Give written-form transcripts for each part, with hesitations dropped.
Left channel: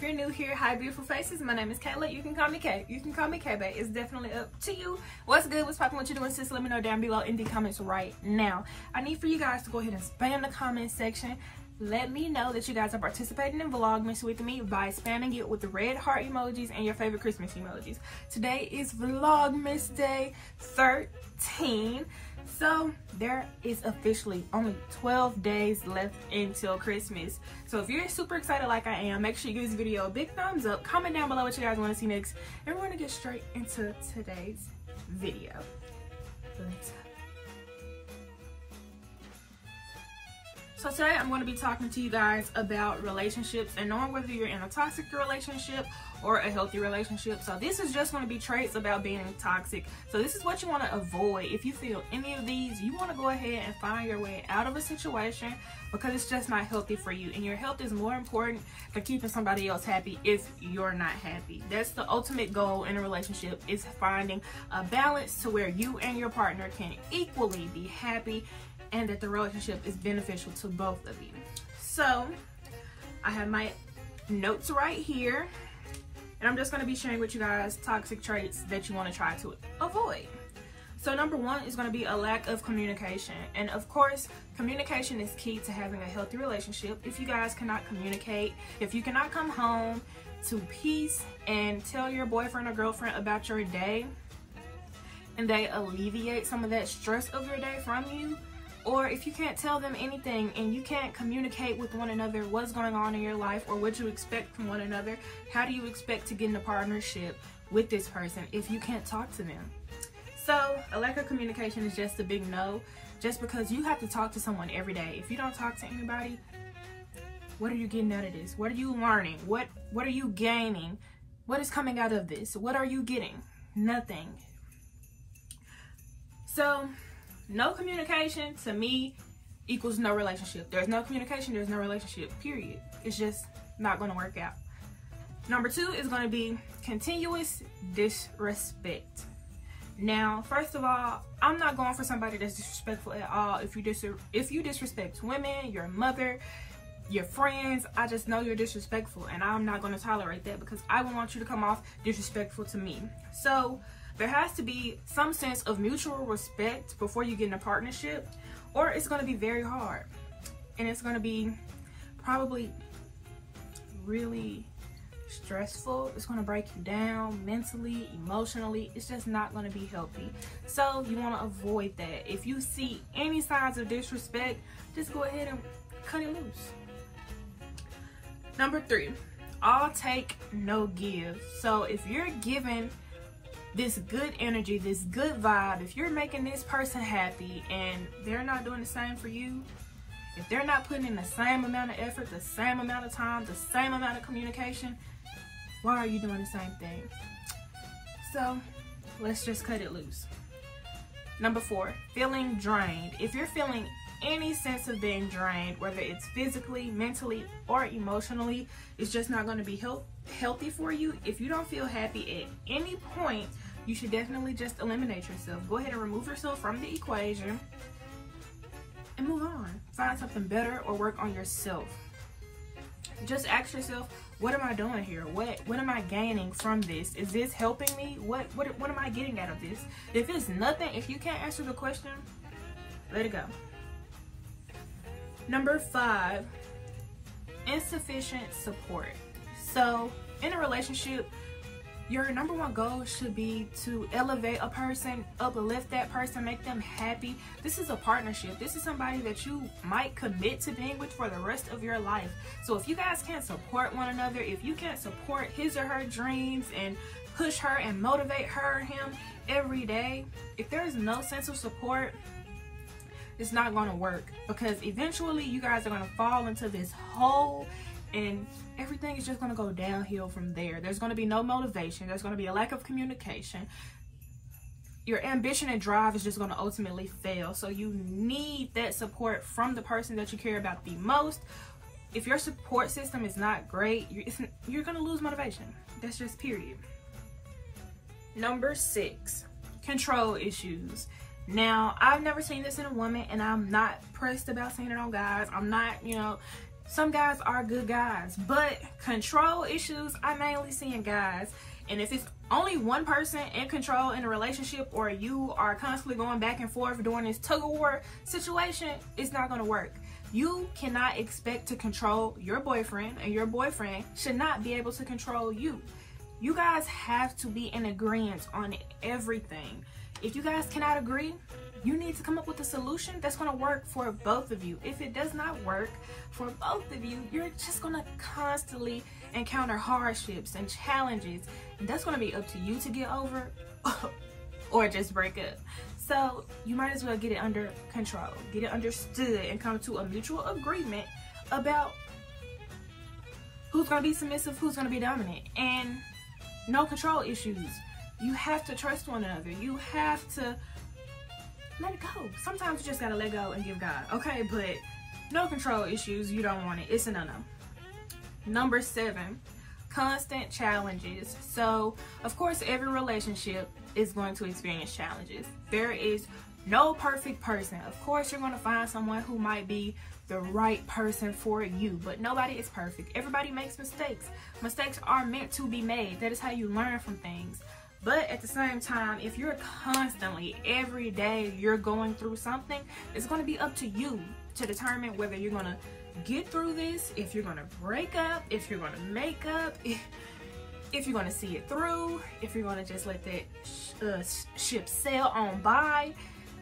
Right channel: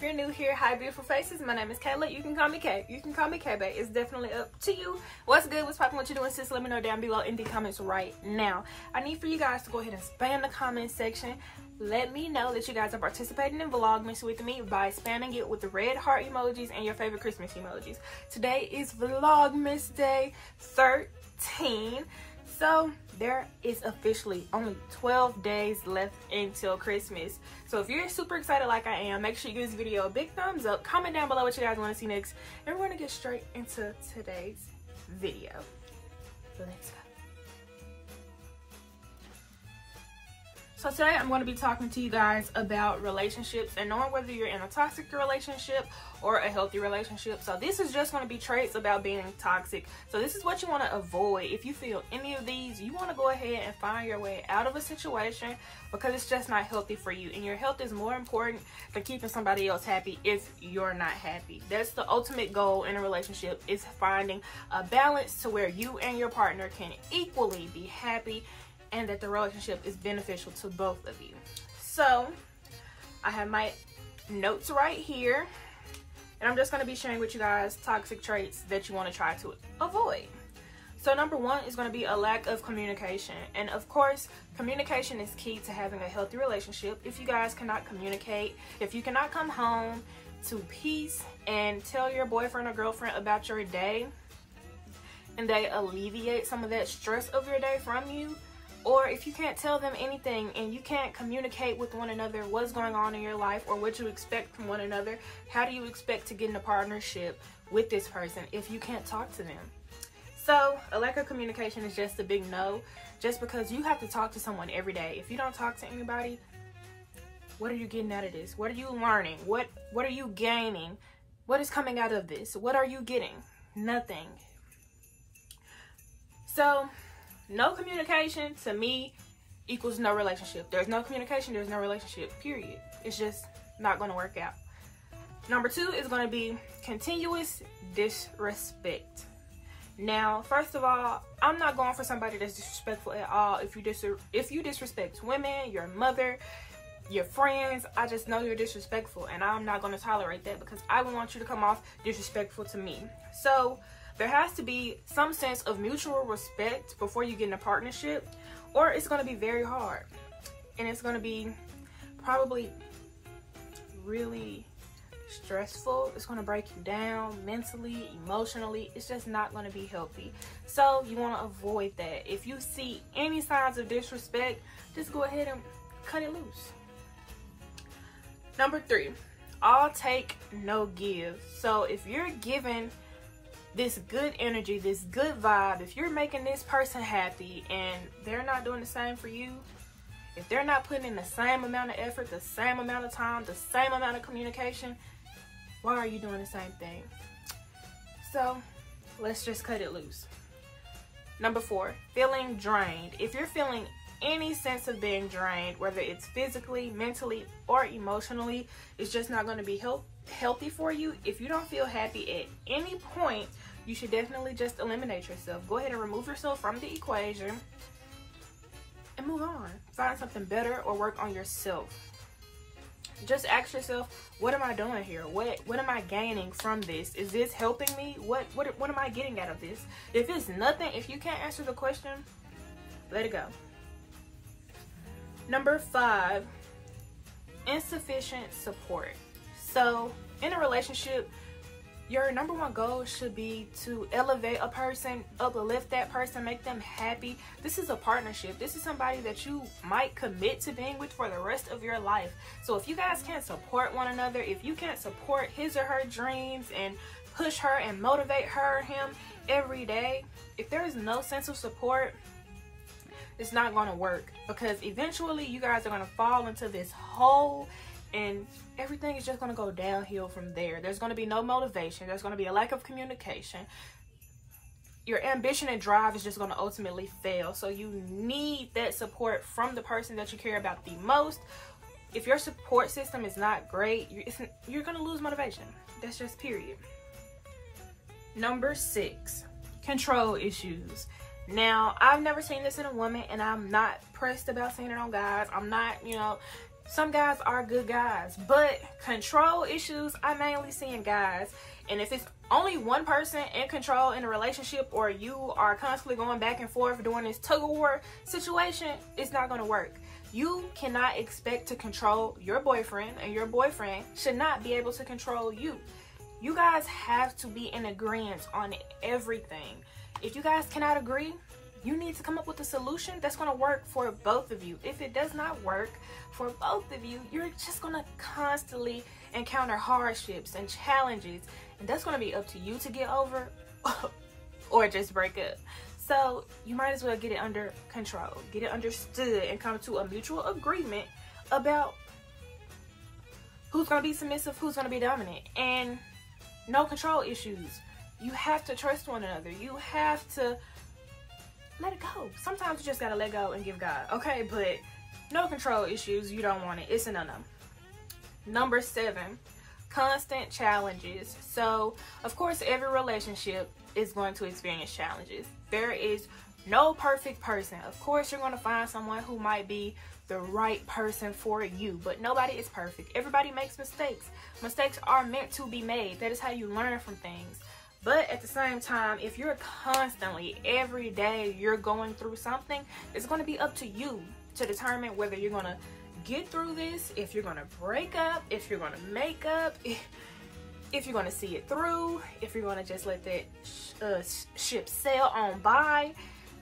if you're new here, hi beautiful faces. My name is Kayla. You can call me Kay. You can call me K-Bay. It's definitely up to you. What's good? What's poppin'? What you doing, sis? Let me know down below in the comments right now. I need for you guys to go ahead and spam the comment section. Let me know that you guys are participating in Vlogmas with me by spamming it with the red heart emojis and your favorite Christmas emojis. Today is Vlogmas Day 13. So there is officially only 12 days left until Christmas. So if you're super excited like I am, make sure you give this video a big thumbs up. Comment down below what you guys want to see next. And we're going to get straight into today's video. Let's go. So today I'm going to be talking to you guys about relationships and knowing whether you're in a toxic relationship or a healthy relationship. So this is just going to be traits about being toxic. So this is what you want to avoid. If you feel any of these, you want to go ahead and find your way out of a situation because it's just not healthy for you. And your health is more important than keeping somebody else happy if you're not happy. That's the ultimate goal in a relationship, is finding a balance to where you and your partner can equally be happy and that the relationship is beneficial to both of you. So I have my notes right here, and I'm just going to be sharing with you guys toxic traits that you want to try to avoid. So number one is going to be a lack of communication. And of course, communication is key to having a healthy relationship. If you guys cannot communicate, if you cannot come home to peace and tell your boyfriend or girlfriend about your day, and they alleviate some of that stress of your day from you, or if you can't tell them anything and you can't communicate with one another what's going on in your life or what you expect from one another, how do you expect to get in a partnership with this person if you can't talk to them? So a lack of communication is just a big no, just because you have to talk to someone every day. If you don't talk to anybody, what are you getting out of this? What are you learning? What are you gaining? What is coming out of this? What are you getting? Nothing. So no communication to me equals no relationship. There's no communication, there's no relationship, period. It's just not going to work out. Number two is going to be continuous disrespect. Now, first of all, I'm not going for somebody that's disrespectful at all. If you disrespect women, your mother, your friends, I just know you're disrespectful, and I'm not going to tolerate that because I don't want you to come off disrespectful to me. So there has to be some sense of mutual respect before you get in a partnership, or it's going to be very hard. And it's going to be probably really stressful. It's going to break you down mentally, emotionally. It's just not going to be healthy. So you want to avoid that. If you see any signs of disrespect, just go ahead and cut it loose. Number three, all take, no give. So if you're giving this good energy, this good vibe, if you're making this person happy and they're not doing the same for you, if they're not putting in the same amount of effort, the same amount of time, the same amount of communication, why are you doing the same thing? So let's just cut it loose. Number four, feeling drained. If you're feeling any sense of being drained, whether it's physically, mentally, or emotionally, it's just not going to be healthy for you. If you don't feel happy at any point, you should definitely just eliminate yourself. Go ahead and remove yourself from the equation and move on. Find something better or work on yourself. Just ask yourself, what am I doing here? What am I gaining from this? Is this helping me? What am I getting out of this? If it's nothing, if you can't answer the question, let it go. Number five, insufficient support. So in a relationship, your number one goal should be to elevate a person, uplift that person, make them happy. This is a partnership. This is somebody that you might commit to being with for the rest of your life. So if you guys can't support one another, if you can't support his or her dreams and push her and motivate her or him every day, if there is no sense of support, it's not going to work, because eventually you guys are going to fall into this hole and everything is just going to go downhill from there. There's going to be no motivation. There's going to be a lack of communication. Your ambition and drive is just going to ultimately fail. So you need that support from the person that you care about the most. If your support system is not great, you're going to lose motivation. That's just period. Number six, control issues. Now, I've never seen this in a woman, and I'm not pressed about seeing it on guys. I'm not, Some guys are good guys, but control issues I mainly see in guys. And if it's only one person in control in a relationship, or you are constantly going back and forth during this tug-of-war situation, it's not going to work. You cannot expect to control your boyfriend, and your boyfriend should not be able to control you. You guys have to be in agreement on everything. If you guys cannot agree, you need to come up with a solution that's going to work for both of you. If it does not work for both of you, you're just going to constantly encounter hardships and challenges, and that's going to be up to you to get over or just break up. So you might as well get it under control, get it understood, and come to a mutual agreement about who's going to be submissive, who's going to be dominant, and no control issues. You have to trust one another. You have to let it go. Sometimes you just got to let go and give God, okay? But no control issues, you don't want it. It's a no-no. Number 7, constant challenges. So, of course, every relationship is going to experience challenges. There is no perfect person. Of course, you're going to find someone who might be the right person for you, but nobody is perfect. Everybody makes mistakes. Mistakes are meant to be made. That is how you learn from things. But at the same time, if you're constantly, every day, you're going through something, it's going to be up to you to determine whether you're going to get through this, if you're going to break up, if you're going to make up, if you're going to see it through, if you're going to just let that ship sail on by.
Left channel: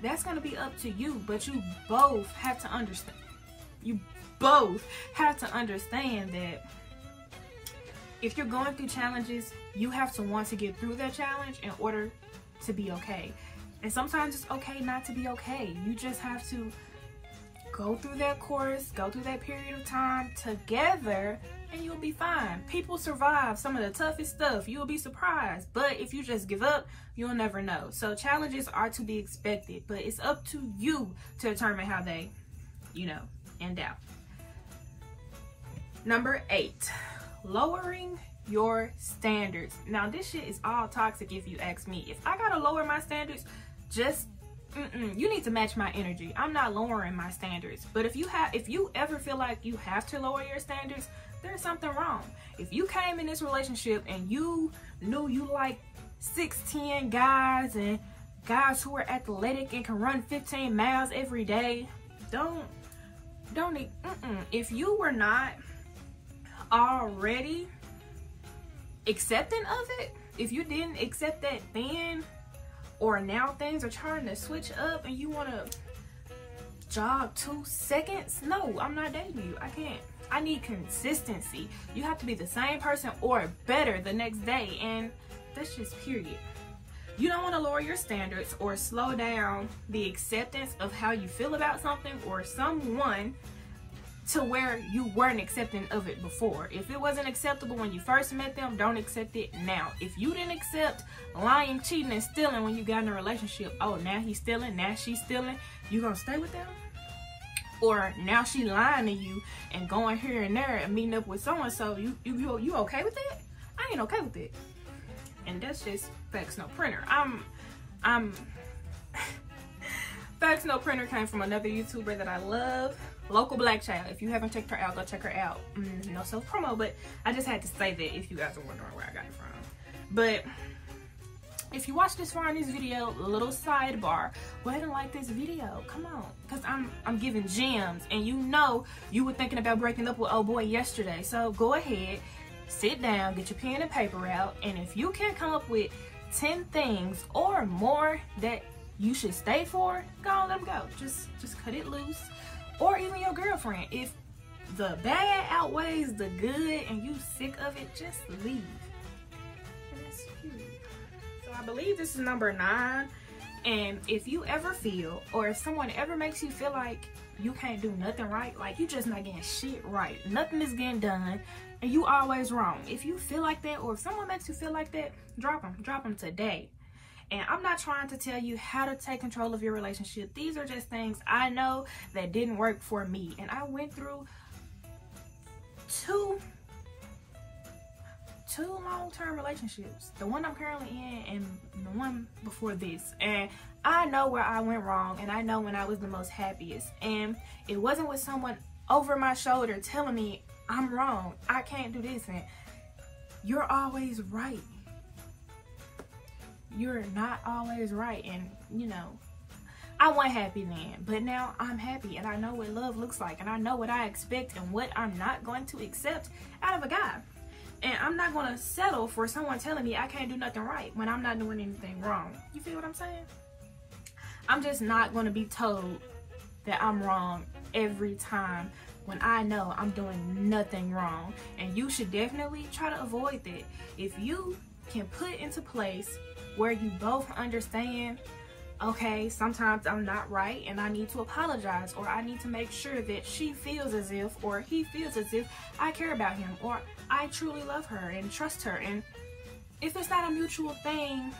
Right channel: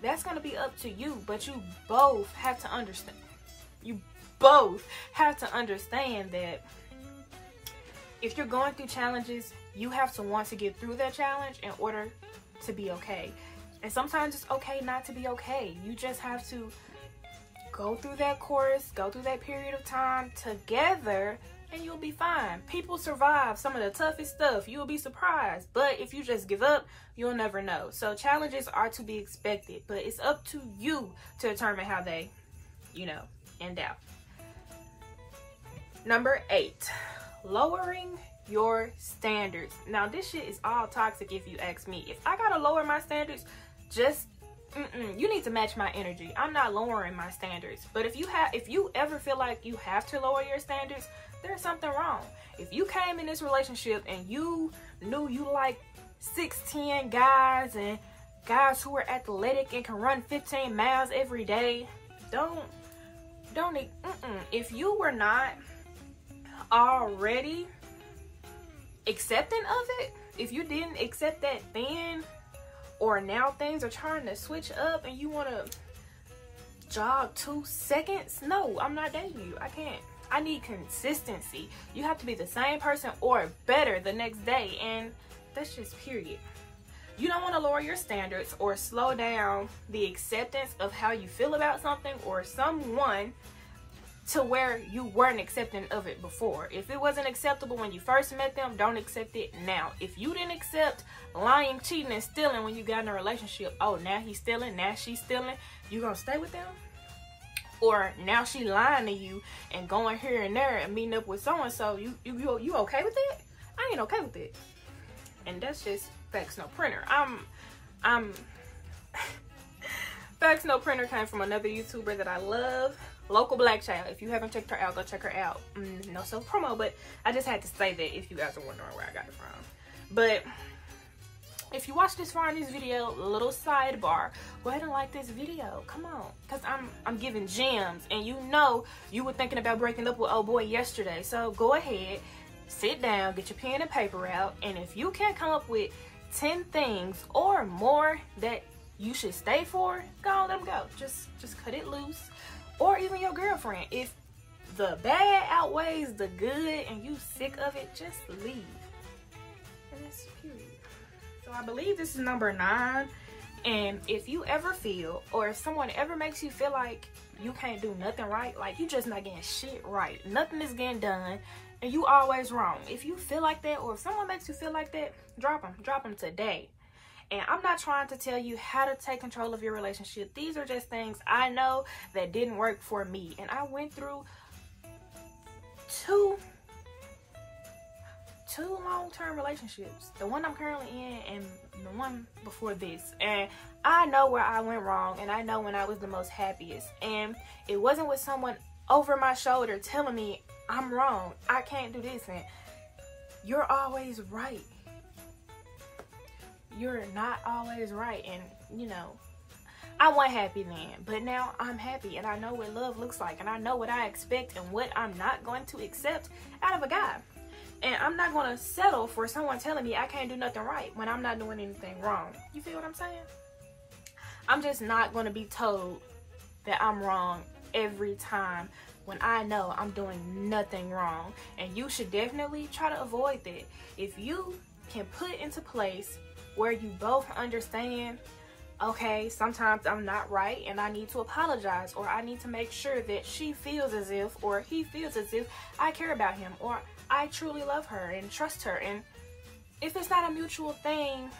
That's going to be up to you. But you both have to understand. You both have to understand that if you're going through challenges, you have to want to get through that challenge in order to be okay. And sometimes it's okay not to be okay. You just have to go through that course, go through that period of time together, and you'll be fine. People survive some of the toughest stuff. You'll be surprised. But if you just give up, you'll never know. So challenges are to be expected, but it's up to you to determine how they, end out. Number 8, lowering your standards. Now, this shit is all toxic if you ask me. If I gotta lower my standards, you need to match my energy. I'm not lowering my standards. But if you ever feel like you have to lower your standards, there's something wrong. If you came in this relationship and you knew you like 6'10" guys and guys who are athletic and can run 15 miles every day, if you were not already accepting of it, if you didn't accept that then, or now things are trying to switch up and you want to jog 2 seconds, no, I'm not dating you. I can't. I need consistency. You have to be the same person or better the next day, and that's just period. You don't want to lower your standards or slow down the acceptance of how you feel about something or someone to where you weren't accepting of it before. If it wasn't acceptable when you first met them, don't accept it now. If you didn't accept lying, cheating, and stealing when you got in a relationship, oh, now he's stealing, now she's stealing, you gonna stay with them? Or now she lying to you and going here and there and meeting up with so-and-so, you okay with that? I ain't okay with it. And that's just Facts No Printer. Facts No Printer came from another YouTuber that I love, Local Black Child. If you haven't checked her out, go check her out. No self promo, but I just had to say that if you guys are wondering where I got it from. But if you watch this far in this video, little sidebar, go ahead and like this video. Come on, because I'm giving gems, and you were thinking about breaking up with old boy yesterday. So go ahead, sit down, get your pen and paper out, and if you can come up with 10 things or more that you should stay for, go on, let them go. Just cut it loose. Or even your girlfriend. If the bad outweighs the good and you sick of it, just leave. And that's cute. So I believe this is number 9. And if you ever feel, or if someone ever makes you feel like you can't do nothing right, like you just not getting shit right, nothing is getting done, and you always wrong. If you feel like that, or if someone makes you feel like that, drop them today. And I'm not trying to tell you how to take control of your relationship. These are just things I know that didn't work for me. And I went through two long-term relationships. The one I'm currently in and the one before this. And I know where I went wrong, and I know when I was the most happiest. And it wasn't with someone over my shoulder telling me I'm wrong, I can't do this, and you're always right. You're not always right. And you know, I wasn't happy then, but now I'm happy, and I know what love looks like, and I know what I expect and what I'm not going to accept out of a guy. And I'm not going to settle for someone telling me I can't do nothing right when I'm not doing anything wrong. You feel what I'm saying? I'm just not going to be told that I'm wrong every time when I know I'm doing nothing wrong. And you should definitely try to avoid that. If you can put into place where you both understand, okay, sometimes I'm not right and I need to apologize, or I need to make sure that she feels as if, or he feels as if I care about him, or I truly love her and trust her. And if it's not a mutual thing,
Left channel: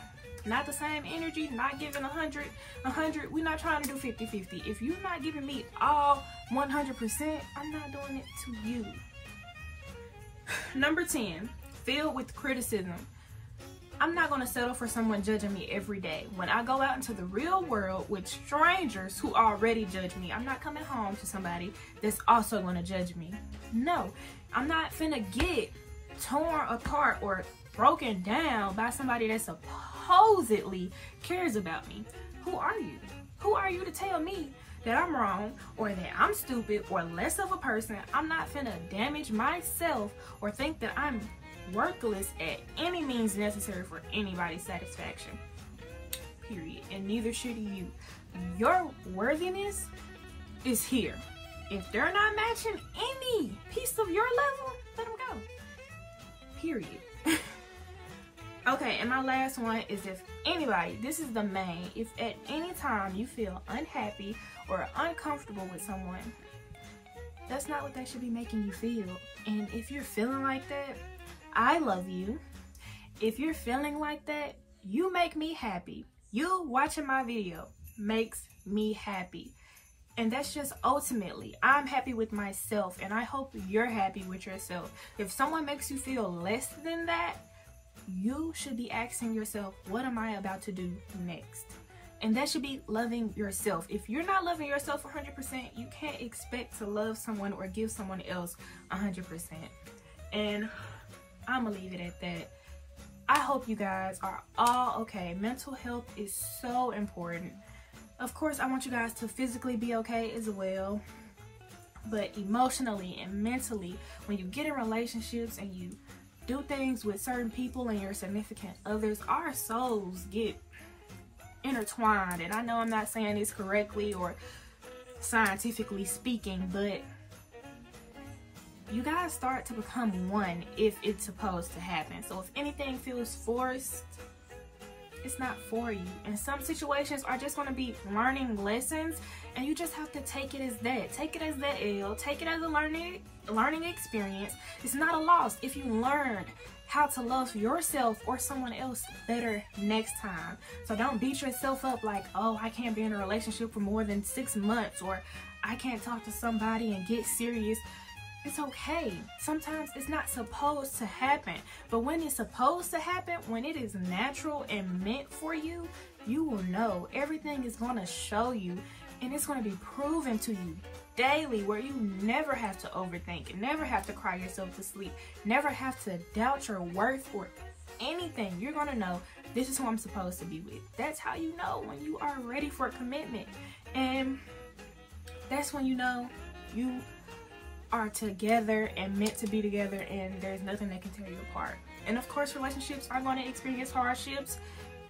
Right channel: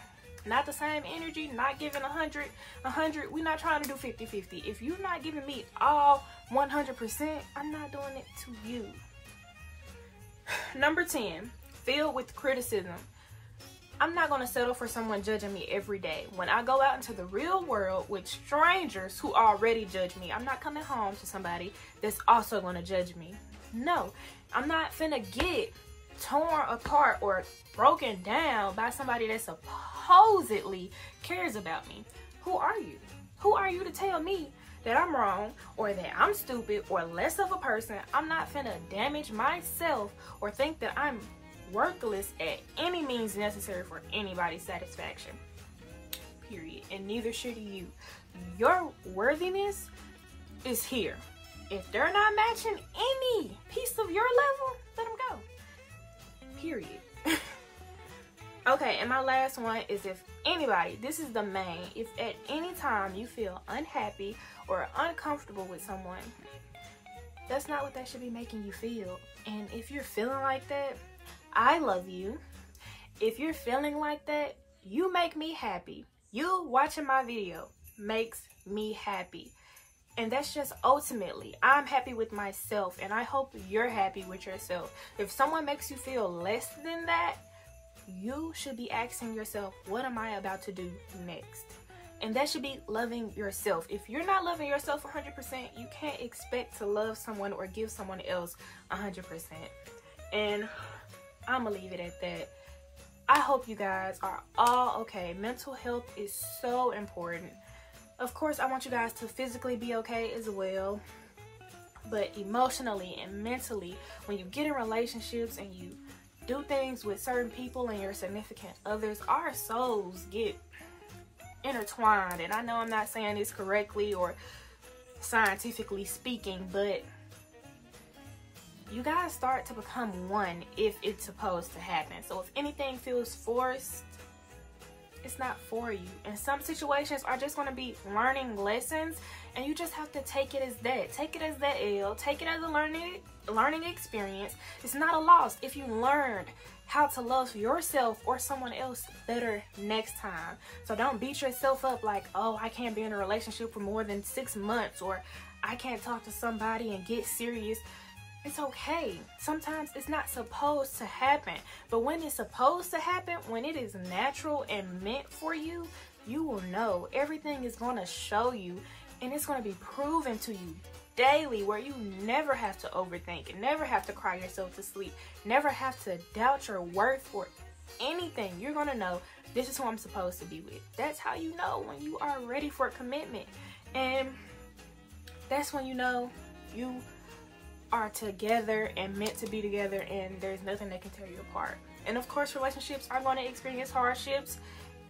not the same energy, not giving 100, we're not trying to do 50-50. If you're not giving me all 100%, I'm not doing it to you. Number 10, filled with criticism. I'm not going to settle for someone judging me every day. When I go out into the real world with strangers who already judge me, I'm not coming home to somebody that's also going to judge me. No, I'm not finna get torn apart or broken down by somebody that supposedly cares about me. Who are you? Who are you to tell me that I'm wrong, or that I'm stupid, or less of a person? I'm not finna damage myself or think that I'm worthless at any means necessary for anybody's satisfaction. Period. And neither should you. Your worthiness is here. If they're not matching any piece of your level, let them go. Period. Okay, and my last one is, if anybody, this is the main, if at any time you feel unhappy or uncomfortable with someone, that's not what that should be making you feel. And if you're feeling like that, I love you. If you're feeling like that, you make me happy. You watching my video makes me happy. And that's just ultimately, I'm happy with myself, and I hope you're happy with yourself. If someone makes you feel less than that, you should be asking yourself, what am I about to do next? And that should be loving yourself. If you're not loving yourself 100%, you can't expect to love someone or give someone else 100%. And I'm gonna leave it at that. I hope you guys are all okay. Mental health is so important. Of course, I want you guys to physically be okay as well, but emotionally and mentally, when you get in relationships and you do things with certain people and your significant others, our souls get intertwined. And I know I'm not saying this correctly or scientifically speaking, but you guys start to become one if it's supposed to happen. So if anything feels forced, it's not for you. And some situations are just going to be learning lessons, and you just have to take it as that. Take it as that L. Take it as a learning experience. It's not a loss if you learned how to love yourself or someone else better next time. So don't beat yourself up like, oh, I can't be in a relationship for more than 6 months, or I can't talk to somebody and get serious. It's okay. Sometimes it's not supposed to happen. But when it's supposed to happen, when it is natural and meant for you, you will know. Everything is going to show you, and it's going to be proven to you daily, where you never have to overthink, never have to cry yourself to sleep, never have to doubt your worth or anything. You're going to know, this is who I'm supposed to be with. That's how you know when you are ready for a commitment. And that's when you know you are together and meant to be together, and there's nothing that can tear you apart. And of course, relationships are going to experience hardships,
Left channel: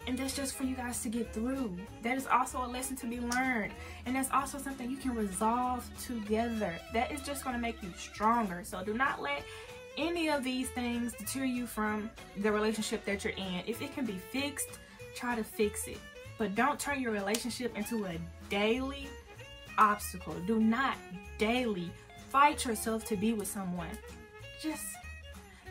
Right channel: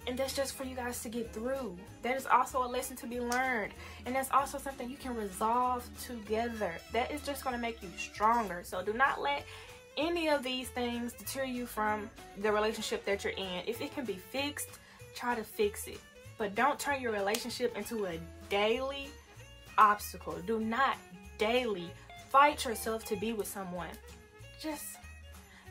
and that's just for you guys to get through. That is also a lesson to be learned, and that's also something you can resolve together. That is just going to make you stronger. So do not let any of these things deter you from the relationship that you're in. If it can be fixed, try to fix it, but don't turn your relationship into a daily obstacle. Do not daily fight yourself to be with someone. Just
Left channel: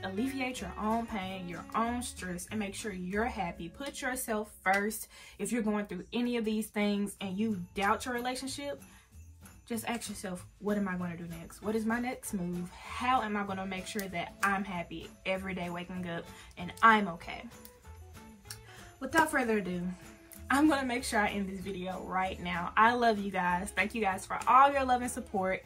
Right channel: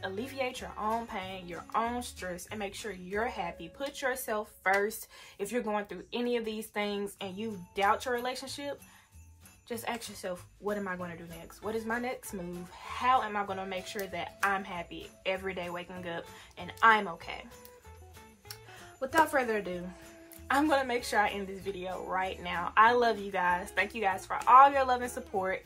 alleviate your own pain, your own stress, and make sure you're happy. Put yourself first. If you're going through any of these things and you doubt your relationship, just ask yourself, what am I going to do next? What is my next move? How am I going to make sure that I'm happy every day waking up and I'm okay? Without further ado, I'm going to make sure I end this video right now. I love you guys. Thank you guys for all your love and support.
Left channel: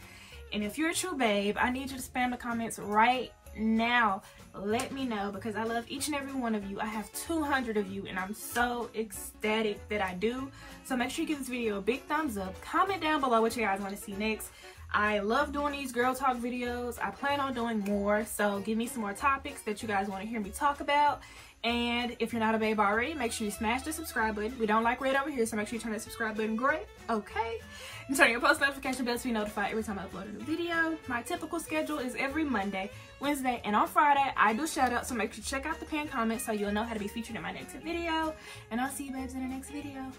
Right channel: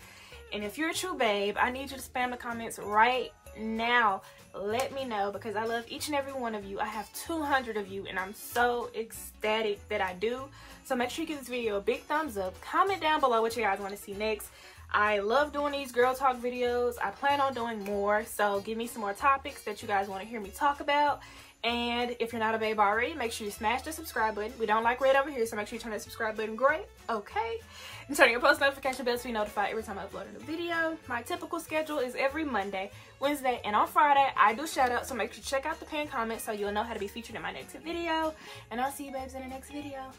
And if you're a true babe, I need you to spam the comments right now. Let me know, because I love each and every one of you. I have 200 of you, and I'm so ecstatic that I do. So make sure you give this video a big thumbs up. Comment down below what you guys want to see next. I love doing these girl talk videos. I plan on doing more, so give me some more topics that you guys want to hear me talk about. And if you're not a babe already, make sure you smash the subscribe button. We don't like red over here, so make sure you turn that subscribe button gray, okay? And turn your post notification bell to be notified every time I upload a new video. My typical schedule is every Monday, Wednesday, and on Friday, I do shout outs, so make sure you check out the pinned comments so you'll know how to be featured in my next video. And I'll see you babes in the next video.